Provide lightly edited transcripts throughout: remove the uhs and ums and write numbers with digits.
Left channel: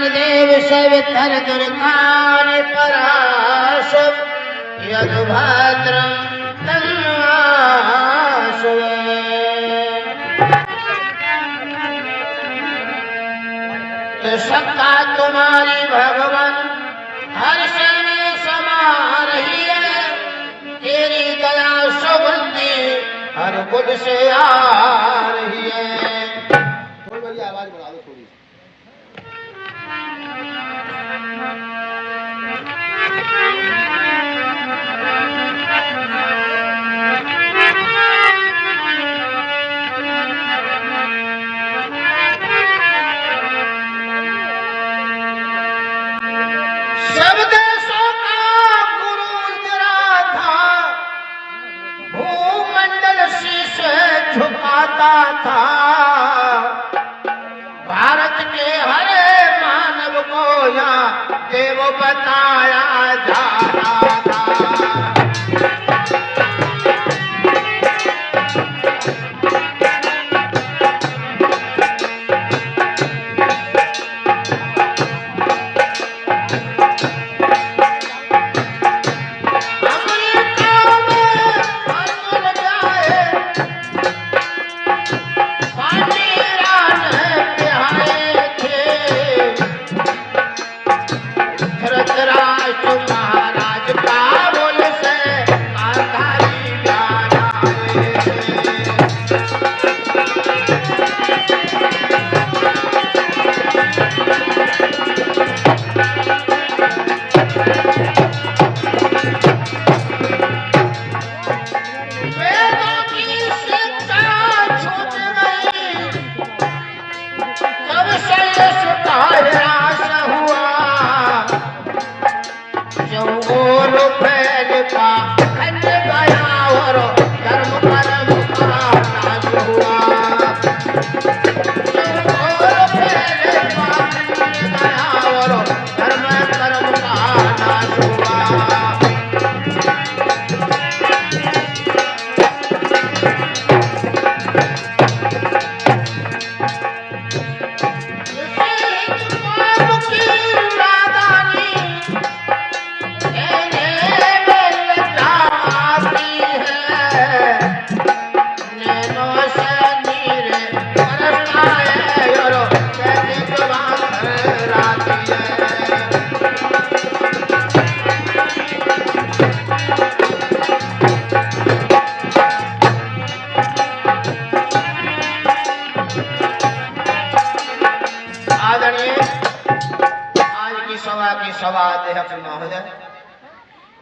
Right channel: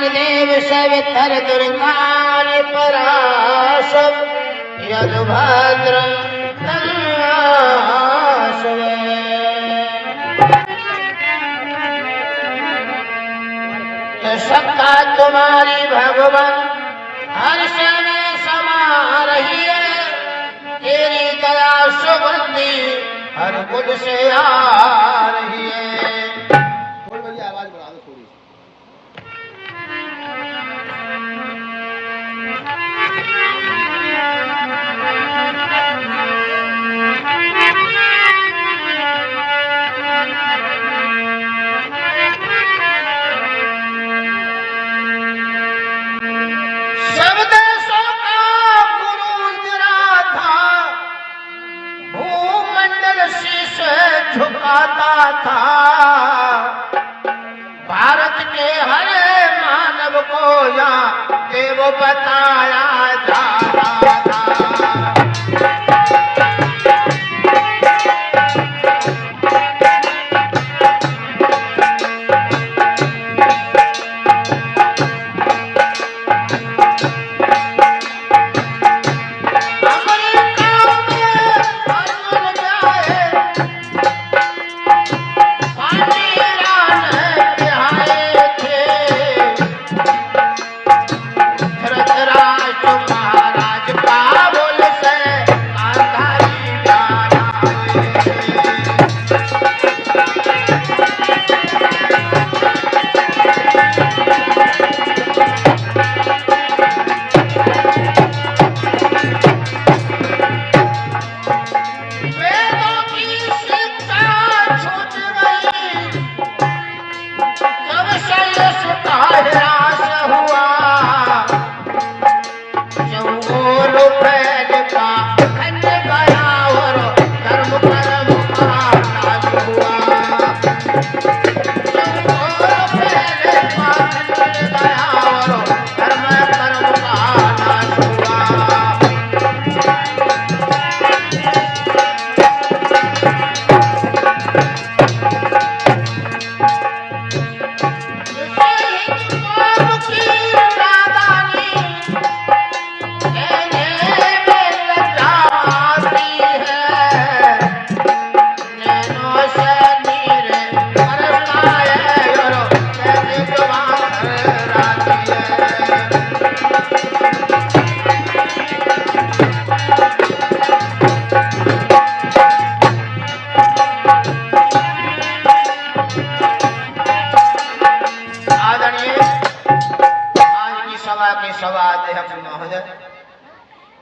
ज्ञानदेव सवितर दुर्गानि पराशर यदुभद्र तो सत्ता तुम्हारी भगवान हर से में समा रही है, तेरी दया सुबुद्धि हर बुध से आ रही है। थोड़ी भैया आवाज बढ़ा दो थोड़ी। भारत के हर मानव को यहाँ देव बताया जा रहा था।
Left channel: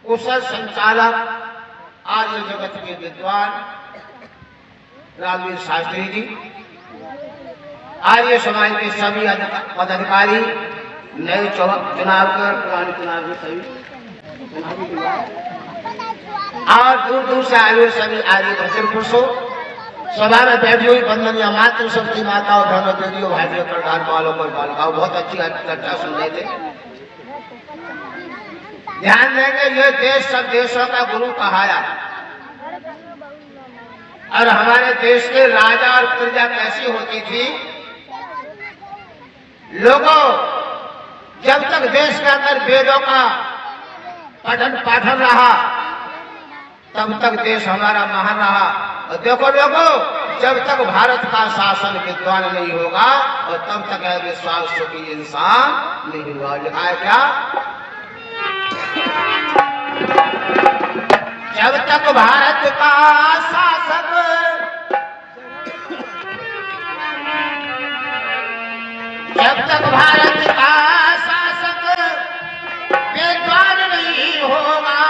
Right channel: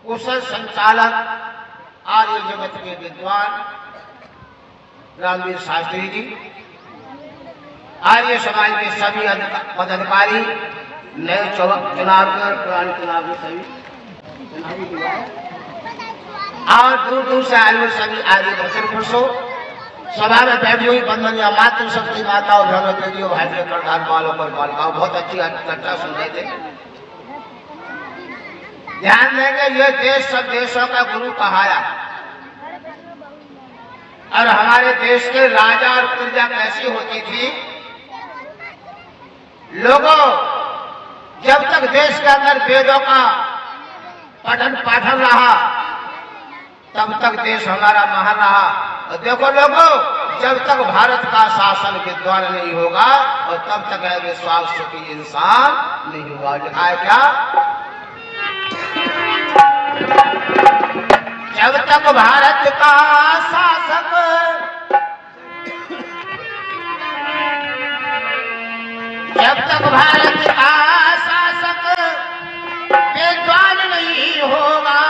कुशल संचालक आर्य जगत के विद्वान रामवीर शास्त्री जी, आर्य समाज के सभी पदाधिकारी, नए चुनाव कर पुराने चुनाव में सभी चुनावी हुआ है और दूर दूर से आए हुए सभी आर्य दर्शन पुरुषों, सभा में बैठी हुई बंधनिया मातृ शक्ति माता और धर्म दीदियों भाइयों प्रधान वालों पर बालिकाओं, बहुत अच्छी चर्चा सुन रहे थे। ध्यान देंगे, ये देश सब देशों का गुरु कहाया और हमारे देश के राजा और प्रजा कैसी होती थी। लोगों, जब तक देश का अंदर वेदों का पठन पाठन रहा तब तक देश हमारा महान रहा। और देखो लोगों, जब तक भारत का शासन विद्वान नहीं होगा और तब तक विश्वास की इंसान नहीं हुआ। लिखा है क्या? जब तक भारत का शासक विद्वान नहीं होगा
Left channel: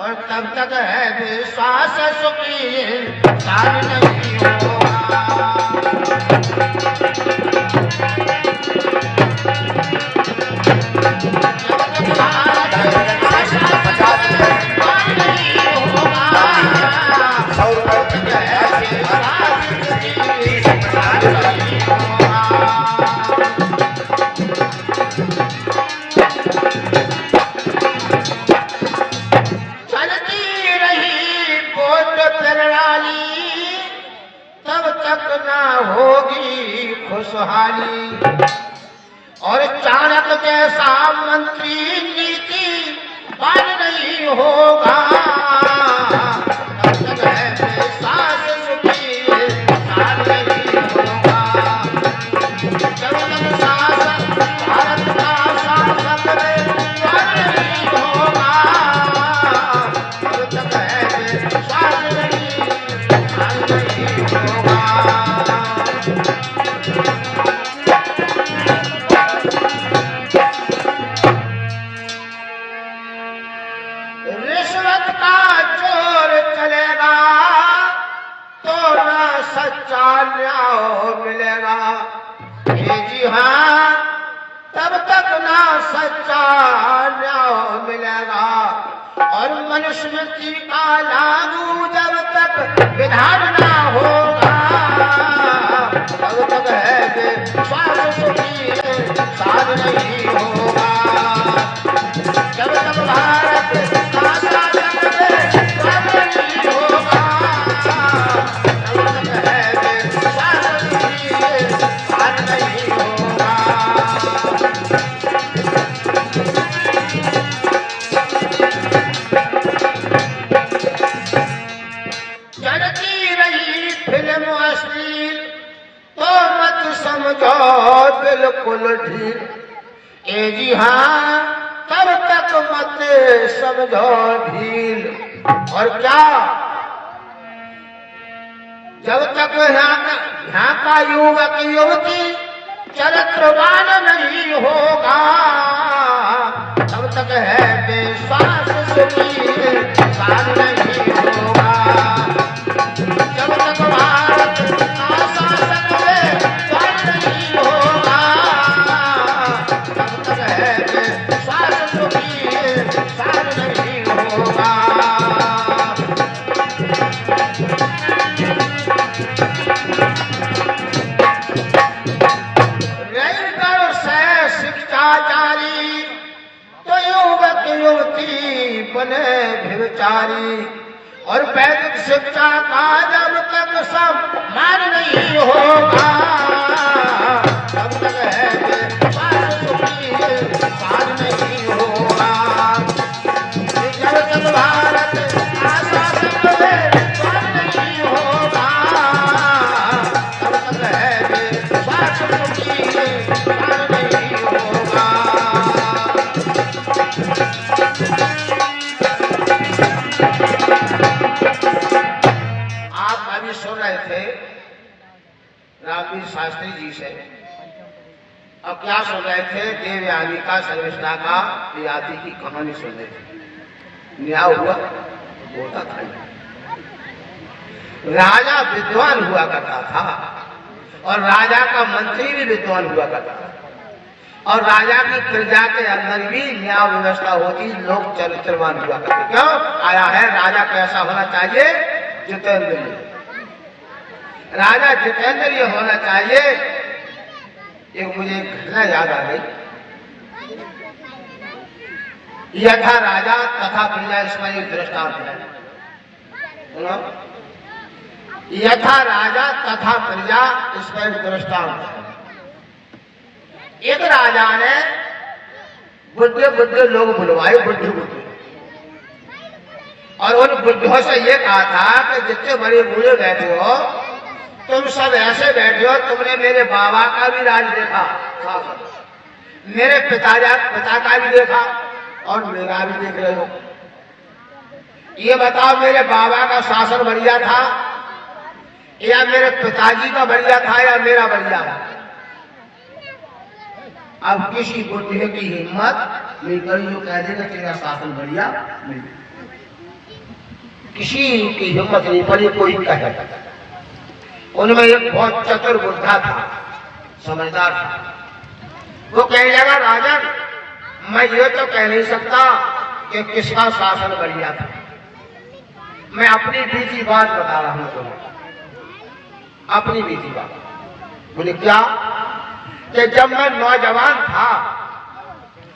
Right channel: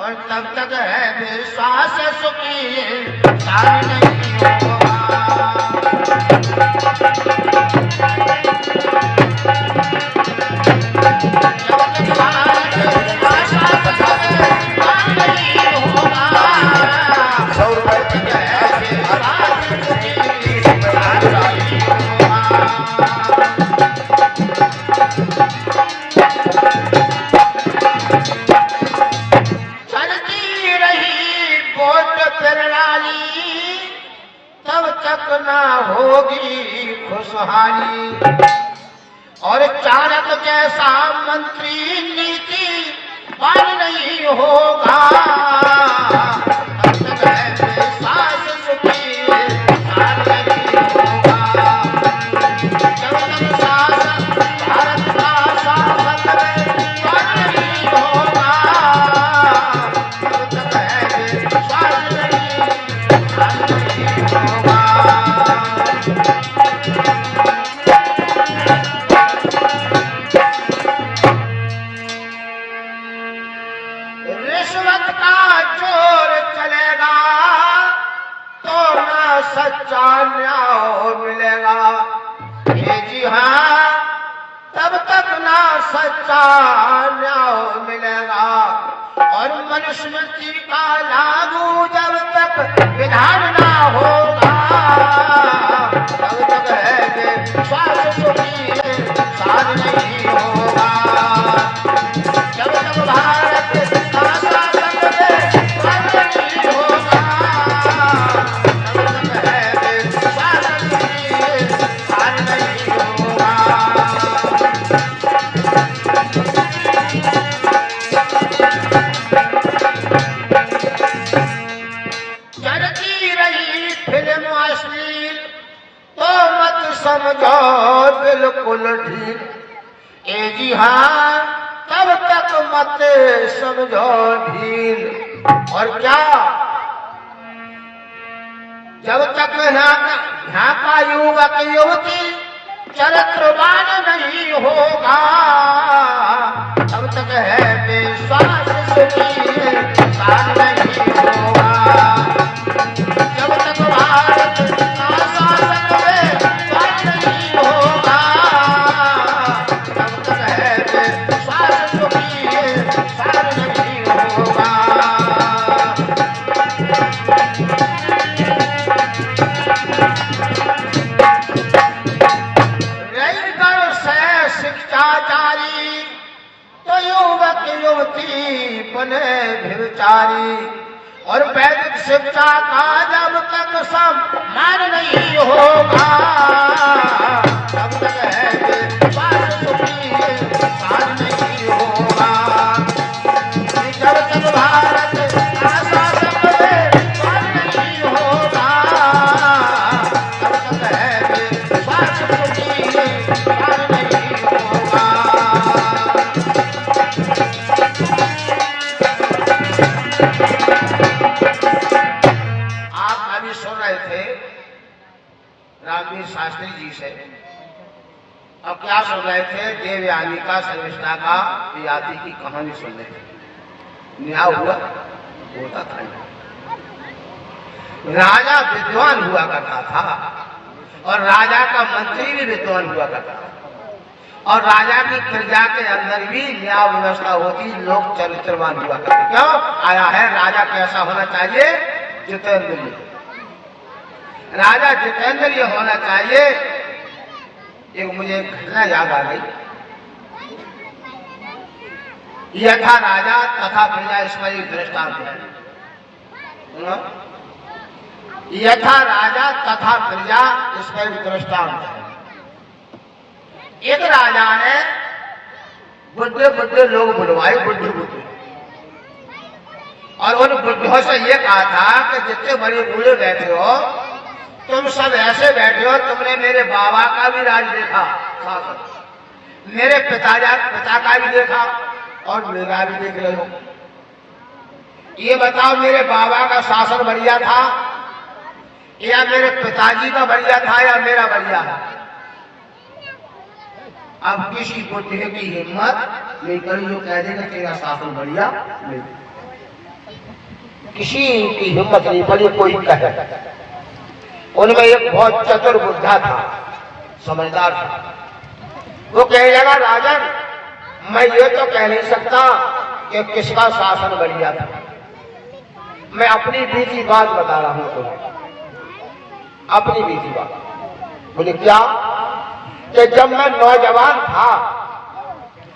और तब तक है विश्वास सुखी इंसान नहीं होगा। चलती रही बोट प्रणाली रिश्वत का जोर चलेगा तो ना सच्चा न्याय मिलेगा। ये जी हाँ, तब तक ना सच्चा न्याय मिलेगा। और मनुस्मृति का लागू जब तक विधान ना होगा, तब तक है विश्वास साध नहीं होगा। जब तक भारत का शासन नहीं होगा, तब तक है विश्वास साध नहीं होगा। चलती रही फिल्म अश्लील तो मत समझो बिल्कुल ढील। ए जी हाँ, तब तक मत समझो ढील। और क्या, जब तक यहाँ का युवक युवती चरित्रवान नहीं होगा, तब तक है विश्वास साध नहीं होगा। जब तक भारत का शासन नहीं होगा, तब तक है विश्वास साध नहीं होगा। रही से शिक्षा जारी तो युवक युवती बने भिवचारी। और वैदिक शिक्षा का जब तक सम्मान नहीं होगा, तब तक है विश्वास साध नहीं होगा। जब तक भारत का शासन नहीं होगा, तब तक है विश्वास साध नहीं होगा। आप अभी सुन रहे थे रामवीर शास्त्री जी से। अब क्या सुन रहे थे? देवयानी का सर्वश्रा का याति की कहानी सुन रहे थे। न्याय हुआ होता था। राजा विद्वान हुआ करता था और राजा का मंत्री भी विद्वान हुआ करता था। और राजा की प्रजा के अंदर भी न्याय व्यवस्था होती, लोग चरित्रवान हुआ करते। क्यों आया है? राजा कैसा होना चाहिए? जितेंद्रिय। राजा जितेंद्रिय होना चाहिए। एक मुझे घटना याद आ गई। यथा राजा तथा प्रजा, इसमें एक दृष्टांत है। सुनो, यथा राजा तथा प्रजा, इसमें एक दृष्टांत है। एक राजा ने बुढ़े बुढ़े लोग बुलवाए, बुढ़े बुढ़े, और उन बुढ़ों से ये कहा था कि जितने बड़े बूढ़े बैठे हो, तुम सब ऐसे बैठे हो, तुमने मेरे बाबा का भी राज देखा, मेरे पिता का भी देखा और मेरा भी देख रहे हो। ये बताओ, मेरे बाबा का शासन बढ़िया था या मेरे पिताजी का बढ़िया था या मेरा बढ़िया था? अब किसी बुढ़े की हिम्मत नहीं करी जो कह देगा तेरा शासन बढ़िया नहीं। किसी की हिम्मत नहीं पड़ी कोई कहे। उनमें एक बहुत चतुर बुद्धा था, समझदार था। वो कहने लगा, राजन, मैं ये तो कह नहीं सकता कि किसका शासन बढ़िया था। मैं अपनी बीती बात बता रहा हूं तुम्हें, अपनी बीती बात। बोले क्या? कि जब मैं नौजवान था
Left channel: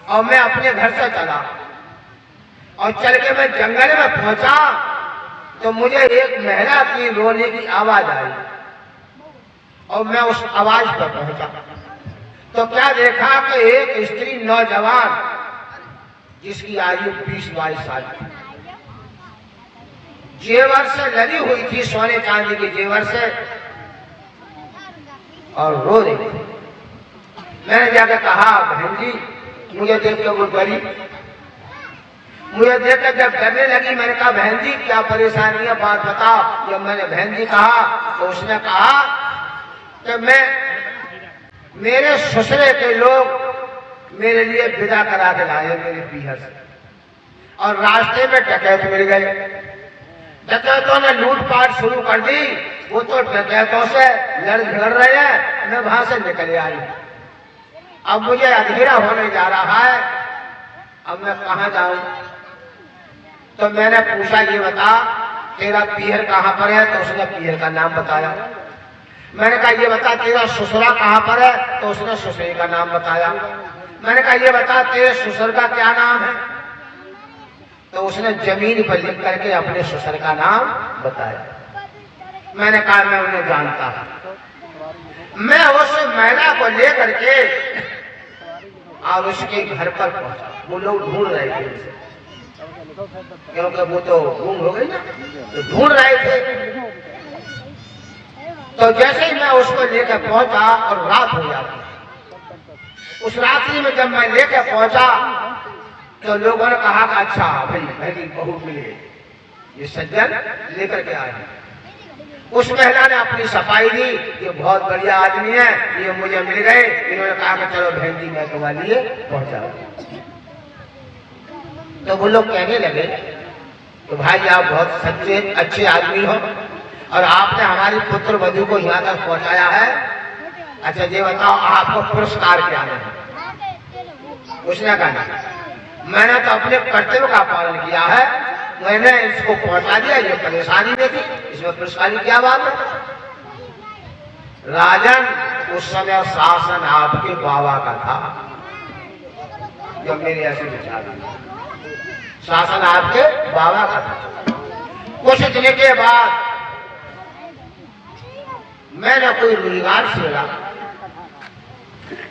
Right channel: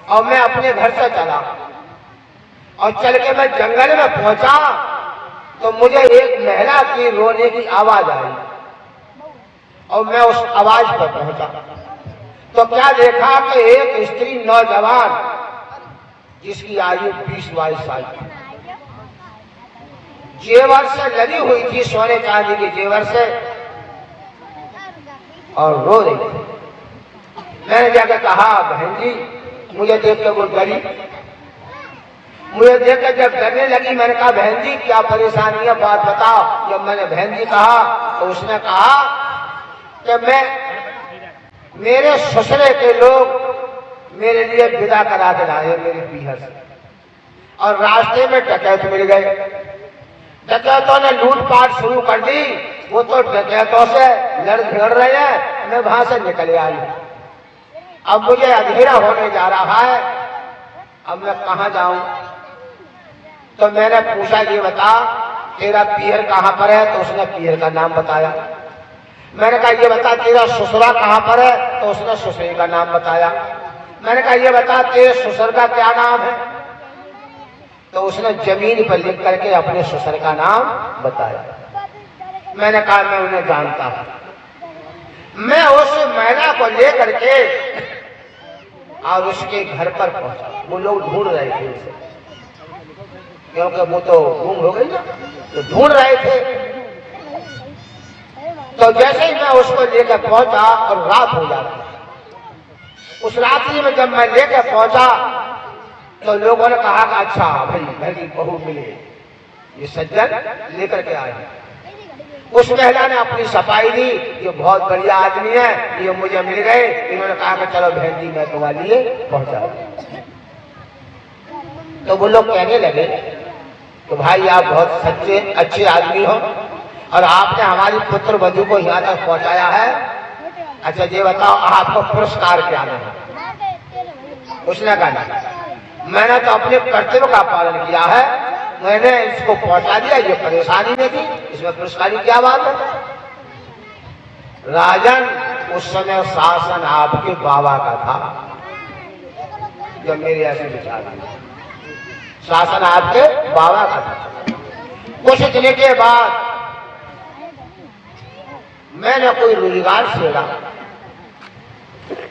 और मैं अपने घर से चला और चल के मैं जंगल में पहुंचा, तो मुझे एक महिला की रोने की आवाज आई और मैं उस आवाज पर पहुंचा। तो क्या देखा कि एक स्त्री नौजवान जिसकी आयु 20-22 साल थी, जेवर से लदी हुई थी, सोने चांदी के जेवर से, और रो रही थी। मैंने जाकर कहा, बहन जी, मुझे देख कर वो डरी, मुझे देख कर जब डरने लगी, मैंने कहा, बहन जी क्या परेशानी है, बात बताओ। जब मैंने बहन जी कहा तो उसने कहा कि मेरे ससुरे के लोग मेरे लिए विदा करा के लाए मेरे पीहर से। और रास्ते में डकैत मिल गए। डकैतों ने लूटपाट शुरू कर दी। वो तो डकैतों से लड़ झगड़ रहे हैं, मैं वहां से निकल आई। अब मुझे अंधेरा होने जा रहा है, अब मैं कहाँ जाऊं? तो मैंने पूछा, ये बता तेरा पीहर कहाँ पर है? तो उसने पीहर का नाम बताया। मैंने कहा ये बता तेरा ससुरा कहाँ पर है? तो उसने ससुरे का नाम बताया। मैंने कहा ये बता तेरे ससुर का क्या नाम है? तो उसने जमीन पर लिख करके अपने ससुर का नाम बताया। मैंने कहा मैं उन्हें जानता हूं। मैं उस महिला को लेकर के और उसके घर पर पहुंचा। वो लोग ढूंढ रहे थे उसे, क्योंकि वो तो गुम हो गई ना, तो ढूंढ रहे थे। तो जैसे ही मैं उसको लेकर पहुंचा और रात हो जाती, उस रात्रि में जब मैं लेकर पहुंचा तो लोगों ने कहा कि अच्छा भाई मेरी बहू मिले, ये सज्जन लेकर के आए। उस महिला ने अपनी सफाई दी, ये बहुत बढ़िया आदमी है, ये मुझे मिल गए। इन्होंने कहा कि चलो बहन जी मैं तुम्हारे लिए पहुंचा। तो वो लोग कहने लगे तो भाई आप बहुत सच्चे अच्छे आदमी हो और आपने हमारी पुत्र वधू को यहाँ तक पहुंचाया है। अच्छा ये बताओ आपको पुरस्कार क्या है? उसने कहा मैंने तो अपने कर्तव्य का पालन किया है, मैंने इसको पहुंचा दिया, ये परेशानी में थी, इसमें पुरस्कार की क्या बात है? राजन उस समय शासन आपके बाबा का था। जब मेरे ऐसे विचार, शासन आपके बाबा का था। कुछ दिन के बाद मैंने कोई रोजगार छेड़ा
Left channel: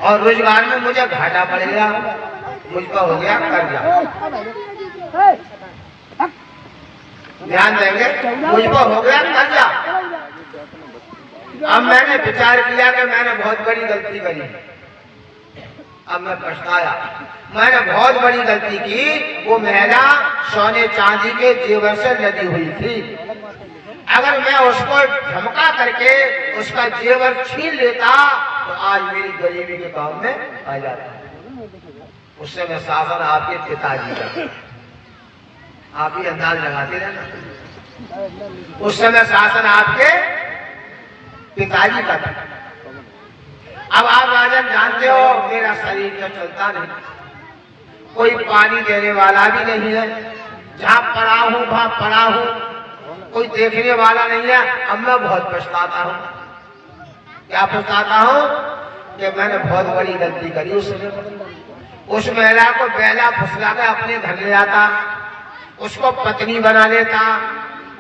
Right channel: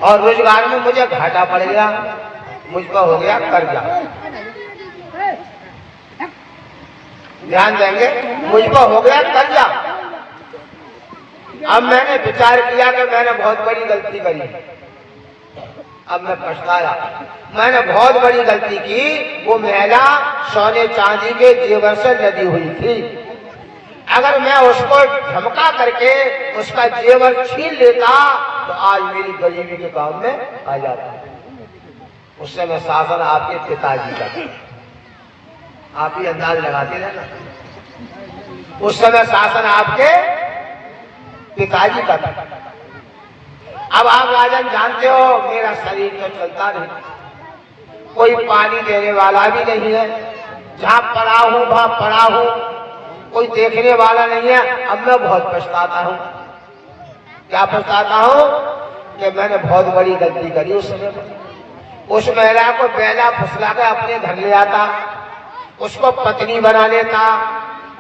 और रोजगार में मुझे घाटा पड़ गया, मुझको हो गया कर्जा। ध्यान देंगे, मुझको हो गया कर्जा। अब मैंने विचार किया कि मैंने बहुत बड़ी गलती करी। अब मैं पछताया, मैंने बहुत बड़ी गलती की। वो महिला सोने चांदी के जेवर से लदी हुई थी। अगर मैं उसको धमका करके उसका जेवर छीन लेता तो आज मेरी गरीबी के काम में आ जाता। उस समय शासन आपके पिताजी का, आप ही अंदाज लगाते रहना। उस समय शासन आपके पिताजी का था। अब आप राजन जानते हो मेरा शरीर तो चलता नहीं, कोई पानी देने वाला भी नहीं है, जहां पड़ा हूं वहां पड़ा हूं, कोई देखने वाला नहीं है। अब मैं बहुत पछताता हूं। क्या पछताता हूं? कि मैंने बहुत बड़ी गलती करी। उस महिला को बेला फुसला कर अपने घर ले आता, उसको पत्नी बना लेता,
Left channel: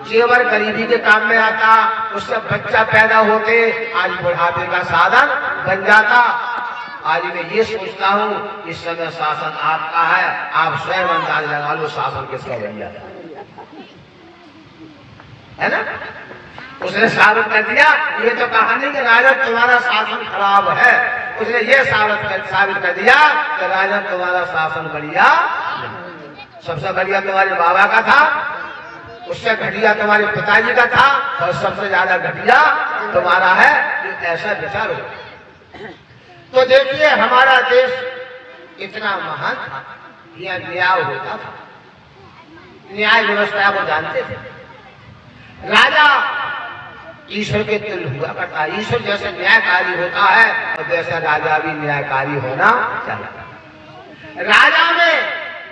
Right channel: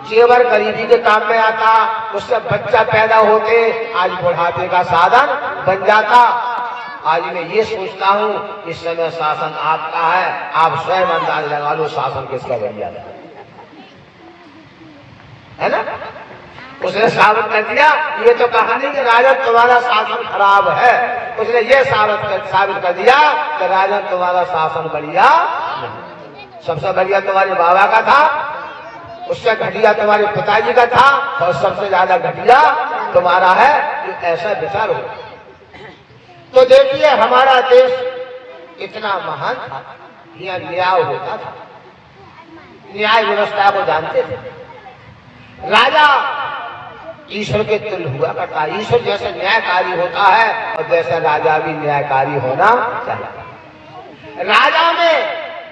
जेवर गरीबी के काम में आता, उससे बच्चा पैदा होते, आज बुढ़ापे का साधन बन जाता। आज मैं ये सोचता हूँ इस समय शासन आपका है, आप स्वयं अंदाज लगा लो शासन किसका बन जाता है ना? उसने साबित कर दिया, ये तो कहा नहीं कि राजा तुम्हारा शासन खराब है, उसने ये साबित कर दिया कि राजा तुम्हारा शासन बढ़िया, सबसे बढ़िया तुम्हारे बाबा का था, उससे घटिया तुम्हारे पिताजी का था और सबसे ज्यादा घटिया तुम्हारा है। ऐसा विचार हो तो देखिए हमारा देश इतना महान था, यह न्याय होता था, न्याय व्यवस्था को जानते थे। राजा ईश्वर के तुल्य हुआ करता है। ईश्वर जैसे न्यायकारी होता है और जैसे राजा भी न्यायकारी होना चाहिए। राजा में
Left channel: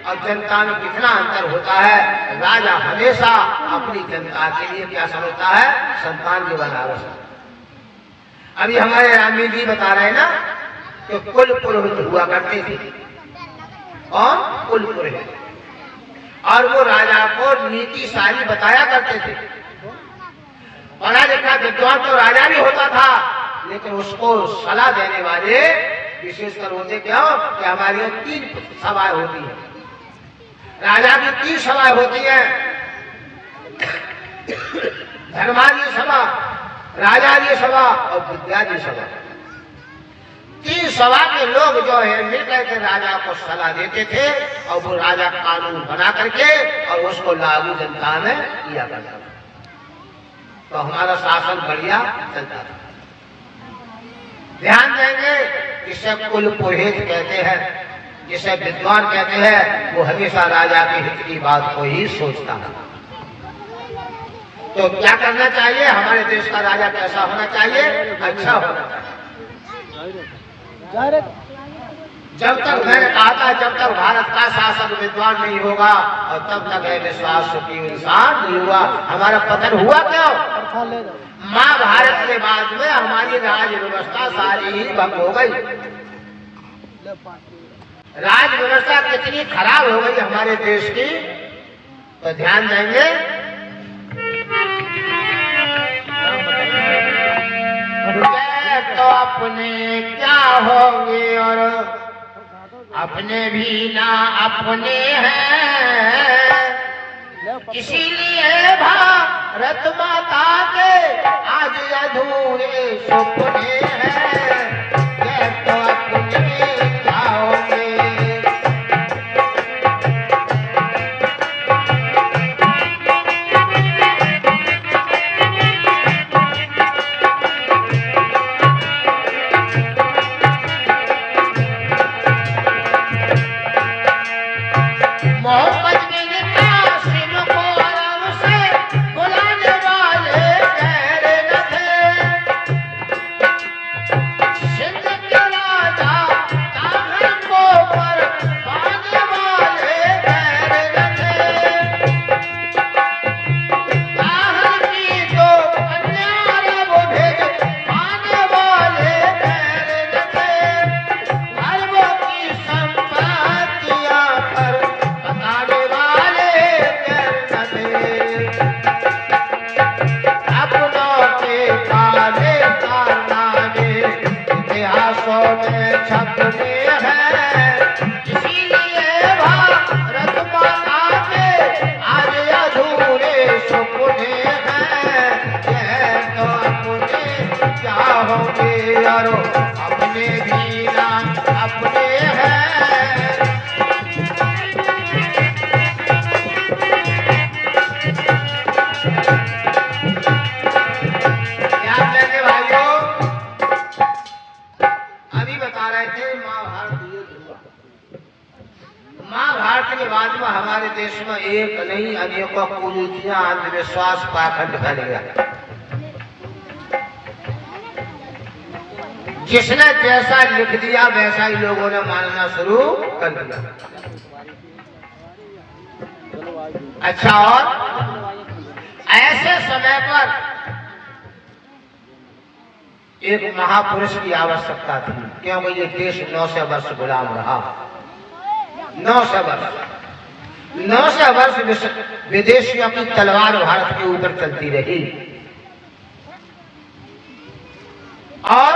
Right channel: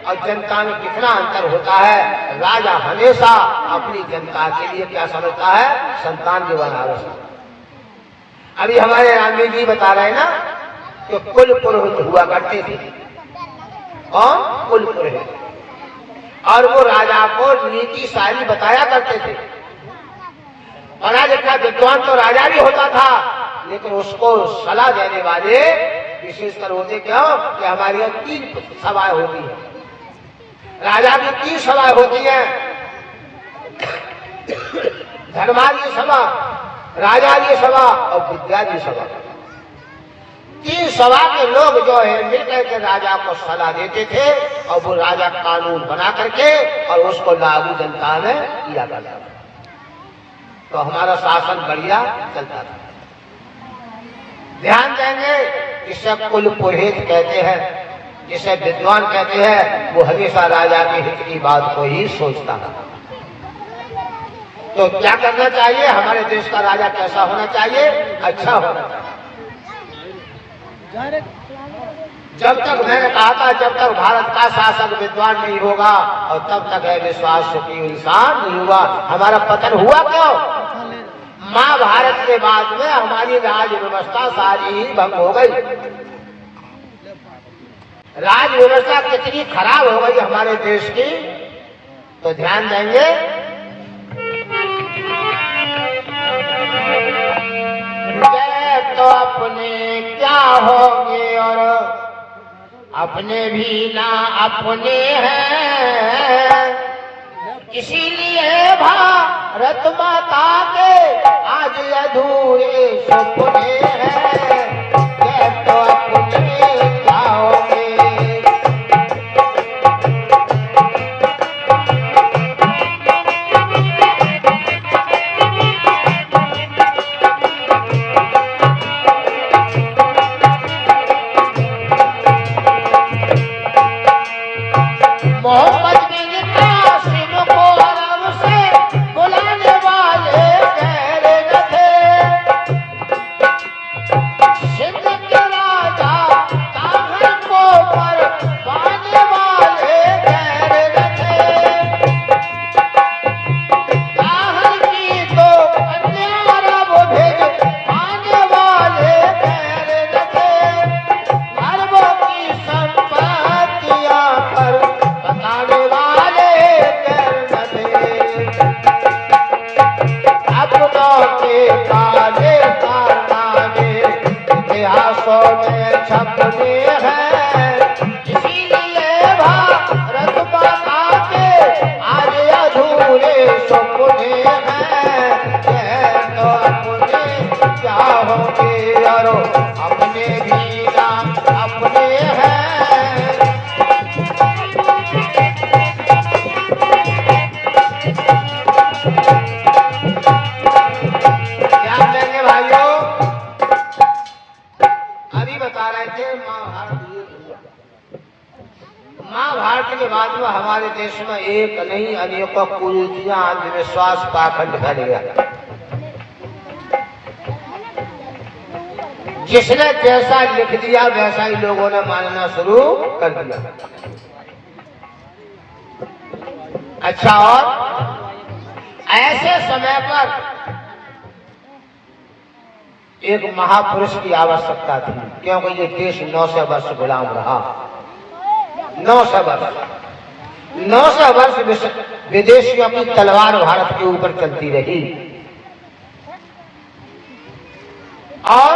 और जनता में कितना अंतर होता है? राजा हमेशा अपनी जनता के लिए क्या समझता है? संतान की वनारस। अभी हमारे रामी जी बता रहे ना कि कुल पुरोहित हुआ करते थे और कुल पुरोहित, और वो राजा को नीति सारी बताया करते थे। पढ़ा लिखा विद्वान तो राजा भी होता था, लेकिन उसको सलाह देने वाले विशेषकर होते क्यों कि हमारे यहाँ 3 सभाएं होती है। राजा की 3 सभाएं होती हैं, धर्माजी सभा, राजाजी सभा और विद्याजी सभा। 3 सभा के लोग जो है मिलकर के राजा को सलाह देते थे और वो राजा कानून बना करके और उसको लागू जनता ने किया करता। तो हमारा शासन बढ़िया चलता था। ध्यान देंगे, इसे कुल पुरोहित कहते हैं। जिसे विद्वान कहते हैं वो हमेशा राजा के हित की बात को ही सोचता है। तो क्या करना चाहिए? हमारे देश का राजा कैसा होना चाहिए? अच्छा होना चाहिए। जब तक मैंने कहा था जब तक भारत का शासक विद्वान नहीं होगा और तब तक है विश्वास सुखी इंसान नहीं हुआ। हमारा पतन हुआ क्यों? महाभारत के बाद में हमारी राज व्यवस्था सारी ही भंग हो गई। राज व्यवस्था कितनी खराब हो गई हमारे देश की, तो ध्यान देंगे। तो अपने क्या होंगे और अपने भी ना अपने हैं, इसीलिए भारत माता के आज अधूरे सपने हैं। ये तो अपने क्या होंगे। हमारे देश में एक नहीं अनेकों कुरीतियां, अंधविश्वास, पाखंड फैल गया। जिसने जैसा लिख दिया वैसा ही लोगों ने मानना शुरू कर दिया। अच्छा, और ऐसे समय पर एक महापुरुष की आवश्यकता थी, क्योंकि ये देश 900 वर्ष गुलाम रहा। 900 वर्ष विदेशियों की तलवार भारत के ऊपर चलती रही। और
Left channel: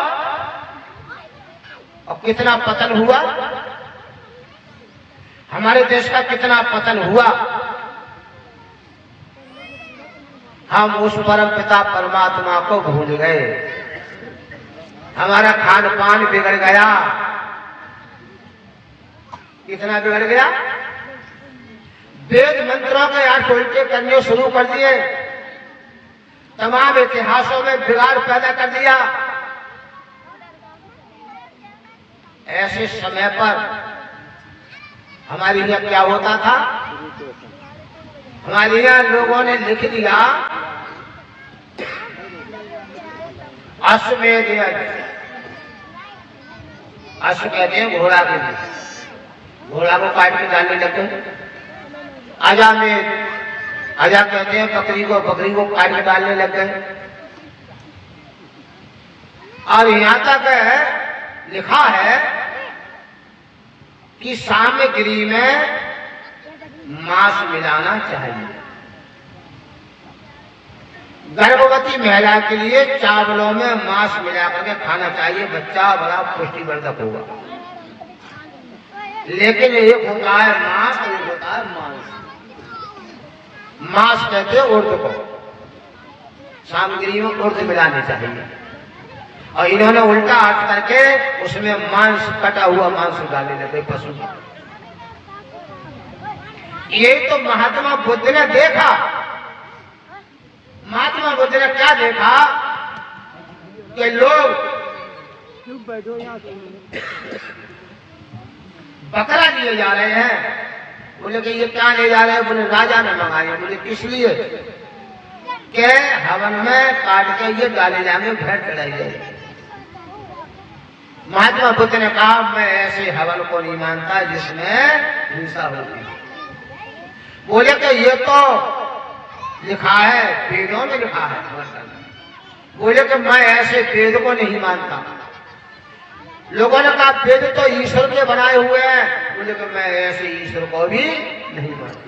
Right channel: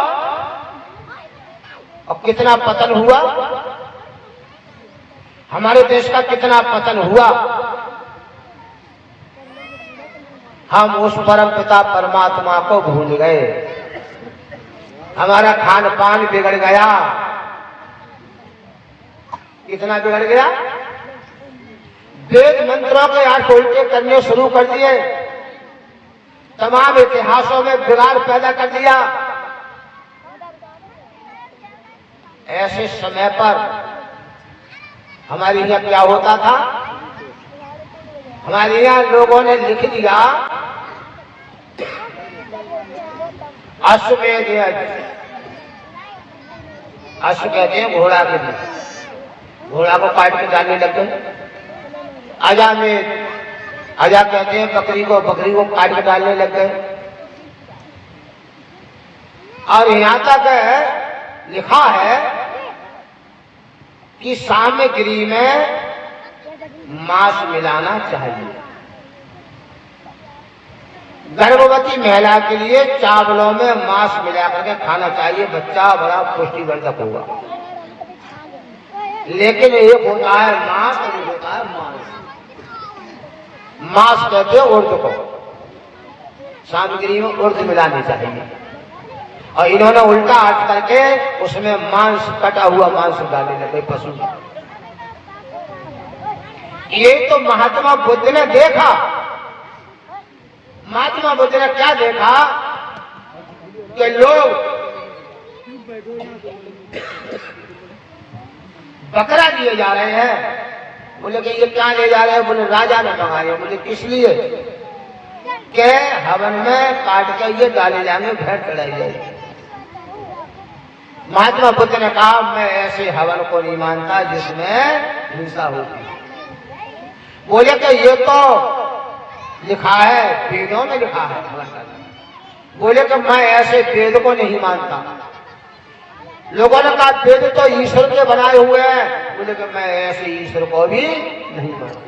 कितना पतन हुआ, हमारे देश का कितना पतन हुआ। हम उस परम पिता परमात्मा को भूल गए, हमारा खान पान बिगड़ गया। कितना बिगड़ गया? वेद मंत्रों के अर्थ उल्टे करने शुरू कर दिए, तमाम इतिहासों में बिगाड़ पैदा कर दिया। ऐसे समय पर हमारे यहाँ क्या होता था? हमारे यहाँ लोगों ने लिख दिया अश्वमेध यज्ञ। अश्व कहते हैं घोड़ा के लिए, घोड़ा को काट के डालने लगे। अजामेध, अजा कहते हैं बकरी को काट के डालने लग गए। और यहां तक लिखा है कि सामग्री में मांस मिलाना चाहिए। गर्भवती महिला के लिए चावलों में मांस मिला करके खाना चाहिए, बच्चा बड़ा पुष्टिवर्धक होगा। लेकिन एक होता है मांस और एक होता है मांस। मांस कहते हैं उर्द को, सामग्री में उर्द मिलानी चाहिए। और इन्होंने उल्टा अर्थ करके उसमें मांस, कटा हुआ मांस डालने लगे पशु। ये तो महात्मा बुद्ध ने देखा। महात्मा बुद्ध ने क्या देखा कि लोग बकरा लिए जा रहे हैं। बोले कि ये क्या ले जा रहे हैं? बोले राजा ने मंगाए। बोले किस लिए? के हवन में काट के ये डाले जाएंगे, भेंट चढ़ाई जाएगी। महात्मा बुद्ध ने कहा मैं ऐसे हवन को नहीं मानता जिसमें हिंसा होती है। बोले कि ये तो लिखा है, वेदों में लिखा है। बोले कि मैं ऐसे वेद को नहीं मानता। लोगों ने कहा वेद तो ईश्वर के बनाए हुए हैं। बोले कि मैं ऐसे ईश्वर को भी नहीं मानता।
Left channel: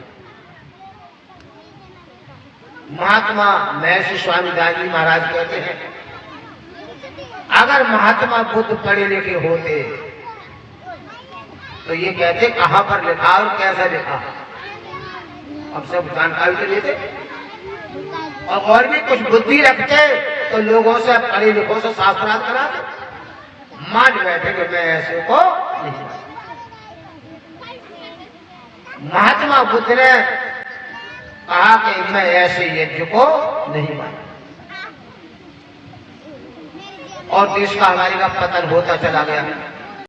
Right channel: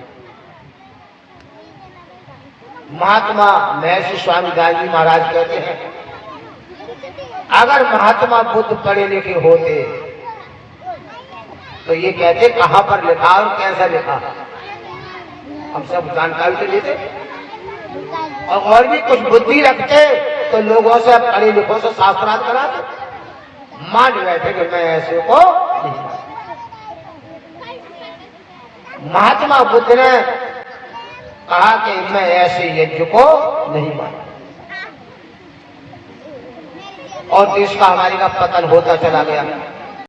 महात्मा महर्षि स्वामी दाजी महाराज कहते हैं अगर महात्मा बुद्ध पढ़े लिखे होते तो ये कहते कहां पर लिखा और कैसा लिखा। अब सब जानकारी तो लेते और भी कुछ बुद्धि रखते तो लोगों से पढ़े लिखों से शास्त्रार्थ कराते। मान बैठे कि मैं ऐसे को नहीं। महात्मा बुद्ध ने कहा कि मैं ऐसे यज्ञ को नहीं मानता और देश का हमारे का पतन होता चला गया।